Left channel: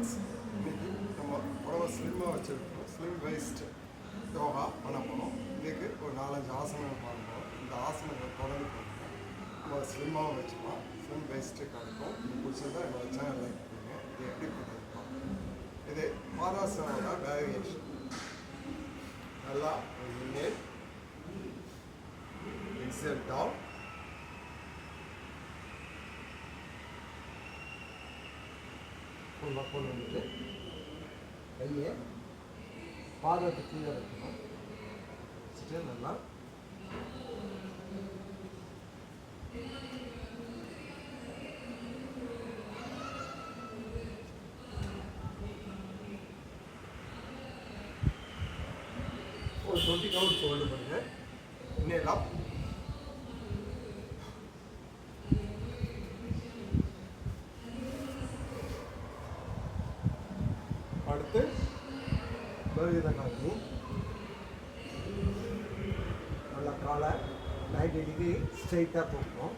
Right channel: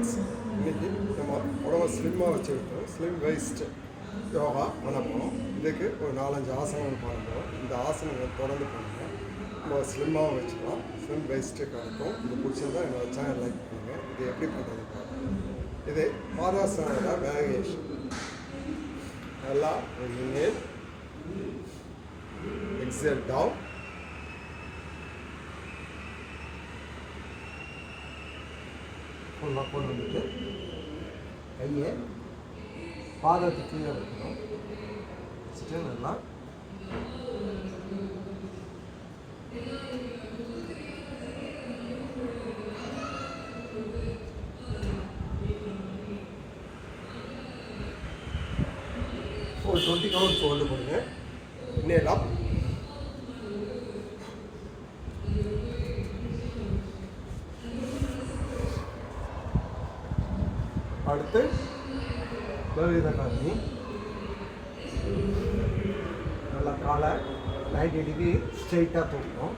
Friends, இன்றைக்கி நம்ம உடம்பை ஸ்லிம்மாக வச்சுருக்கோம். ஸ்லிம் வேஸ்ட் யோகா பண்ண போகிறோம். இதுக்கு ஒரு 4-5 ஆசனங்கள் பண்ண போகிறோம். இந்த ஆசனங்கள் தொடர்ந்து பண்ணுங்கள். நம்ம ஸ்லிம்மாக வச்சுக்கலாம். ஸ்லிம் வேஸ்ட்டு கிடைக்கும். இது பிடிச்சிருந்தா என்னோட சேனல் லைக் பண்ணுங்கள். இது எப்படி பண்ணுறது பாருங்கள். இது பாதாசனோட வேரியேஷன். நல்லா ஒரு இன்ஹேல், எக்ஸேல் டவுன், ஃபுல்லாக கொண்டு வந்துட்டு கையை பாதத்தை கீழே வைக்கணும். வச்சுட்டு நல்லா ஒரு 20 கவுண்ட்ஸ் ஹோல்டு பண்ணுங்க. இன்னேலாம் அடுத்து பலவீத காரணி. நல்லா காலை 90 டிகிரி ஸ்ட்ரெயிட்டாக தூக்கணும்.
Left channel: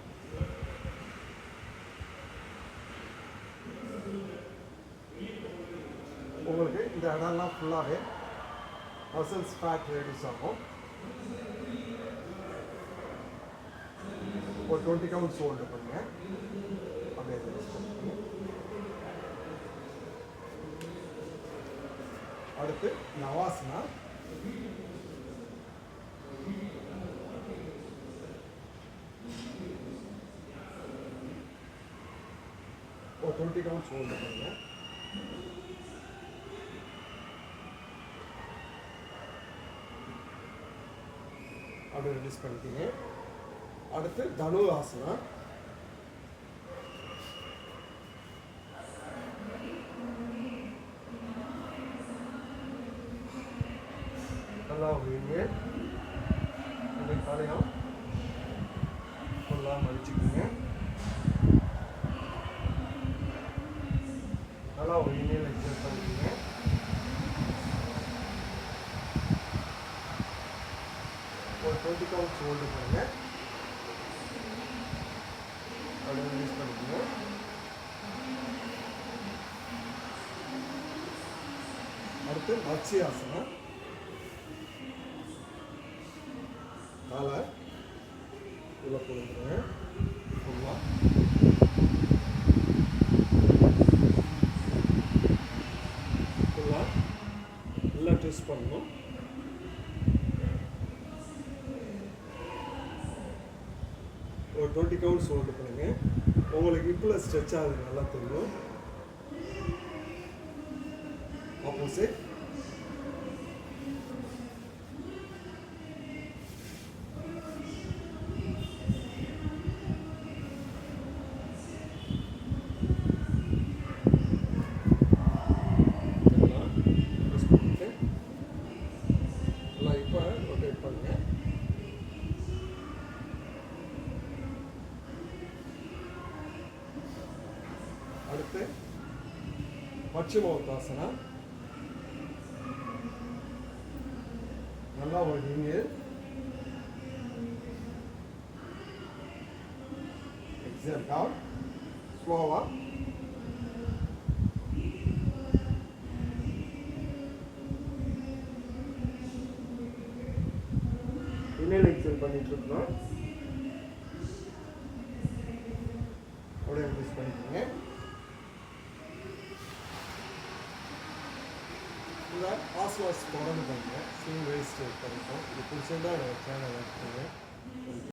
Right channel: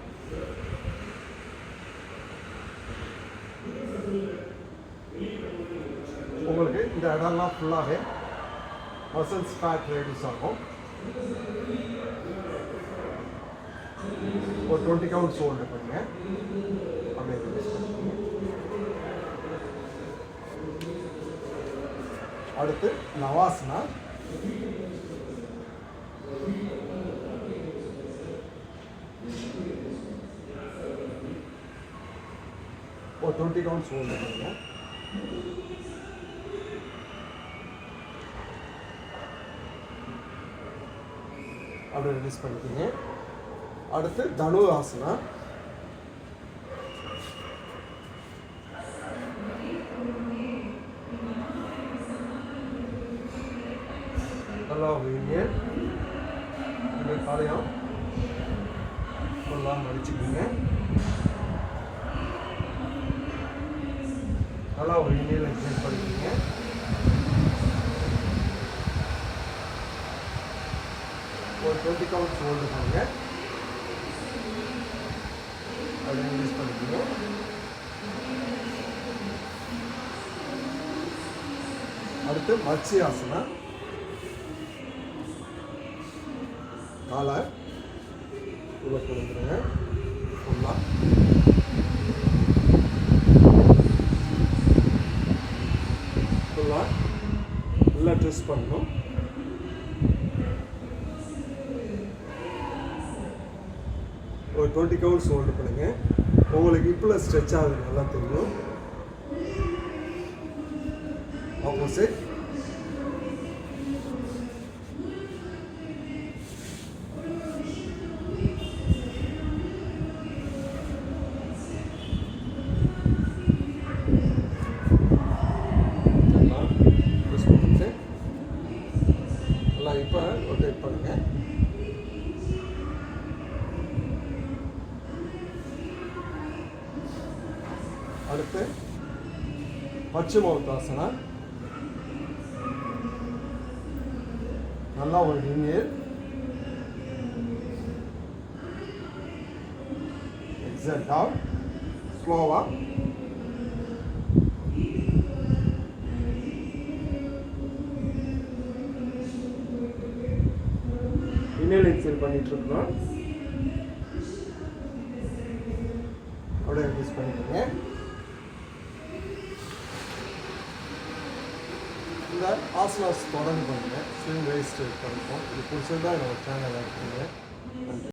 உங்களுக்கு இந்த இடம்லாம் ஃபுல்லாகவே மசில்ஸ் ஃபேட் ரெடியூஸ் ஆகும். ஒரு 20 கவுண்ட்ஸ் ஹோல்டு பண்ணுங்க. அப்படியே ரிலீஸ் பண்ணுங்க. அடுத்து நவாசனா. ஒரு 20 கவுண்ட்ஸ் ஹோல்டு பண்ணுங்க. அப்படியே ரிலீஸ் பண்ணிக்கிங்க. அடுத்து தனு ஆசனா. நல்லா வைங்க. இந்த காலையும் ஃபுல்லாக மடிச்சுக்கிங்க. நல்லா ஒரு இணையில் எக்ஸைட் பண்ணிக்கிங்க. ஒரு 20 கவுண்ட்ஸ் ஹோல்டு பண்ணுங்க. அப்படியே ரிலீஸ் பண்ணிக்கிங்க. அடுத்து மச்சி ஆசனா. காலை உள்ள கொடுத்துருங்க. ஃபுல்லாக நல்லா ட்விஸ்ட் பண்ணணும். ஒரு 20 கவுண்ட்ஸ் ஹோல்டு பண்ணுங்க. உங்களுக்கு இப்போ ஸ்ட்ரெச் ஆகுது நல்லா தெரியும். ஆப்போசிட் நல்லா இப்போ ரொட்டேட் பண்ணுங்க. அடுத்து பச்சிமோத்தாசனா. நல்லா ஒரு இன்ஹேல், எக்ஸேல் டவுன், ஸ்லோவா. இன்ஹேல் எக்ஸேல் பண்ணிட்டு இருக்கோம். அப்படியே ரிலீஸ் பண்ணிக்கோங்க. இந்த ஆசனாஸ் தொடர்ந்து பண்ணுங்கள். ஸ்லிம் வேஸ்ட் கிடைக்கும். இது பிடிச்சிருந்தா என்னோட சேனலை லைக் பண்ணுங்கள்.